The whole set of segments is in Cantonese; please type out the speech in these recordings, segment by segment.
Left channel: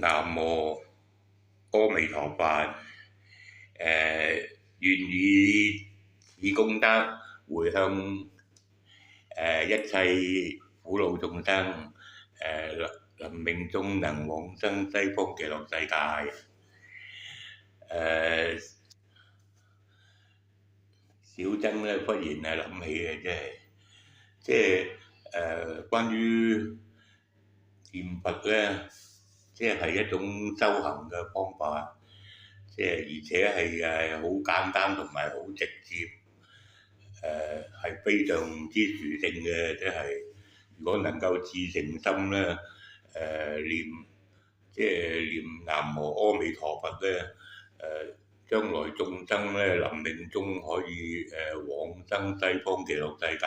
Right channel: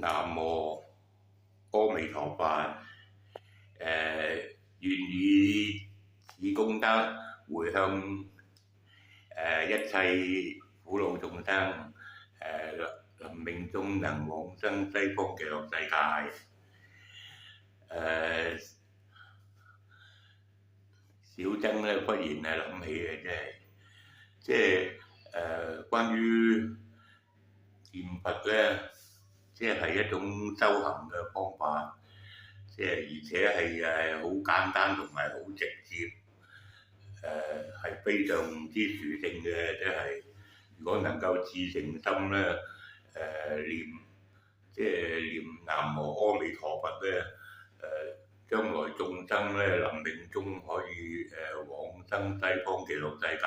南無阿彌陀佛，願以此功德回向一切苦惱眾生，臨命終能往生西方極樂世界。小僧咧忽然諗起嘅，即係關於念佛咧，即係一種修行嘅方法，即係而且係好簡單同埋好直接，係非常之殊勝嘅。即係如果能夠至誠心咧，念南無阿彌陀佛咧，將來眾生咧臨命終可以往生西方極樂世界，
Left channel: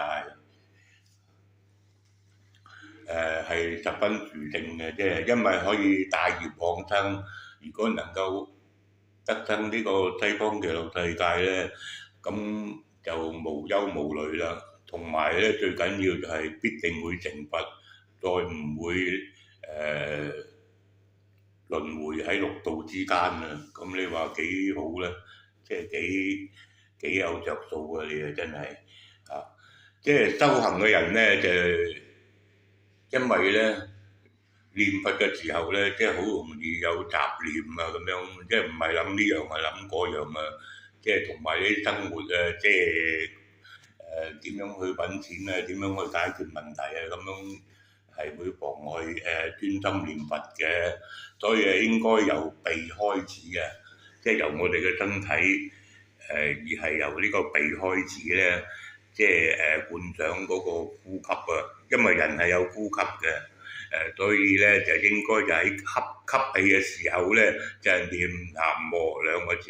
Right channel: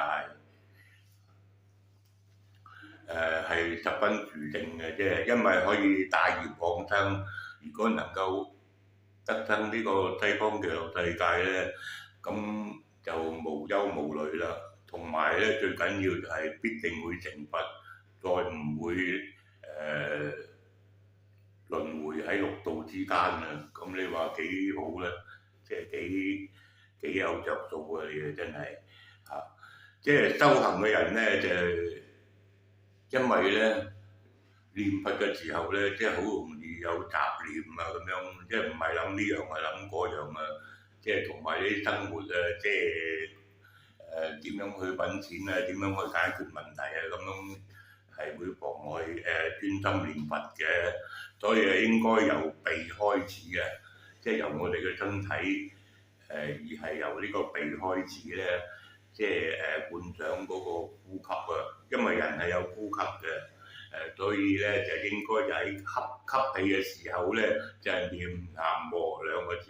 係十分殊勝嘅，即係因為可以帶業往生。如果能夠得生呢個西方極樂世界咧，咁就無憂無慮啦。同埋咧，最緊要就係必定會成佛，再唔會輪迴喺六道之間啊！咁你話幾好咧？即係幾有着數啊！你啊真係嚇，即係修行嘅人咧，就因為咧念佛嘅時候咧，即係好容易有雜念啊咁樣，即係唔係諗呢樣啊諗嗰樣啊，即係同埋啲生活啊，即係點樣去揾錢啊，點樣去解決問題啊，咁樣係會妨礙專心念佛嘅。所以應該由鼻開始嘅，即係由我哋嘅身體而係由呢個鼻開始咧，即係觀想嗰個呼吸啊。因為人係有呼吸嘅，所以咧就應該就喺吸氣嘅時候咧就係念南無兩個字，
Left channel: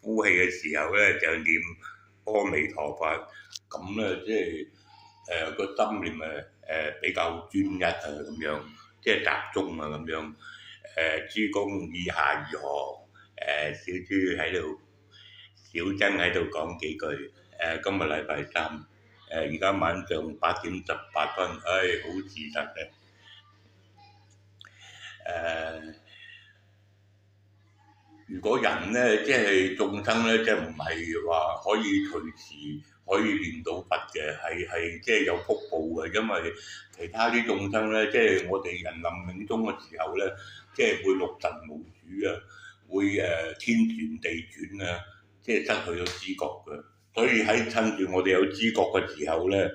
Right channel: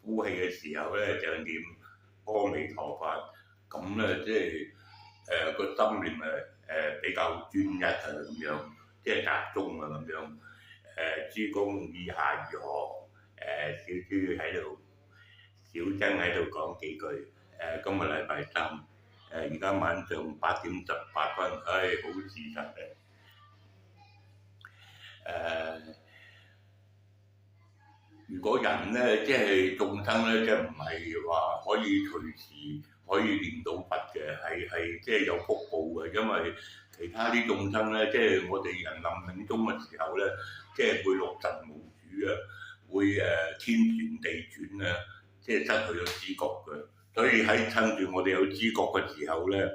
呼氣嘅時候咧就念阿彌陀佛。咁咧即係個心念比較專一啊咁樣，即係集中啊咁樣。諸公以下如何？小豬喺度，小僧喺度講幾句。今日禮拜三，而家晚上8:18，好事實嘅。如果人咧，即係眾生咧，即係唔係話可以隨時可以念到佛嘅，係即係有福報嘅，因為其他啲眾生咧，即係我哋人臨命終嘅時候咧，即係會六神無主啊，會天旋地轉啊，即係失去咗知覺嘅，所以喺趁住我哋有知覺嘅時候咧，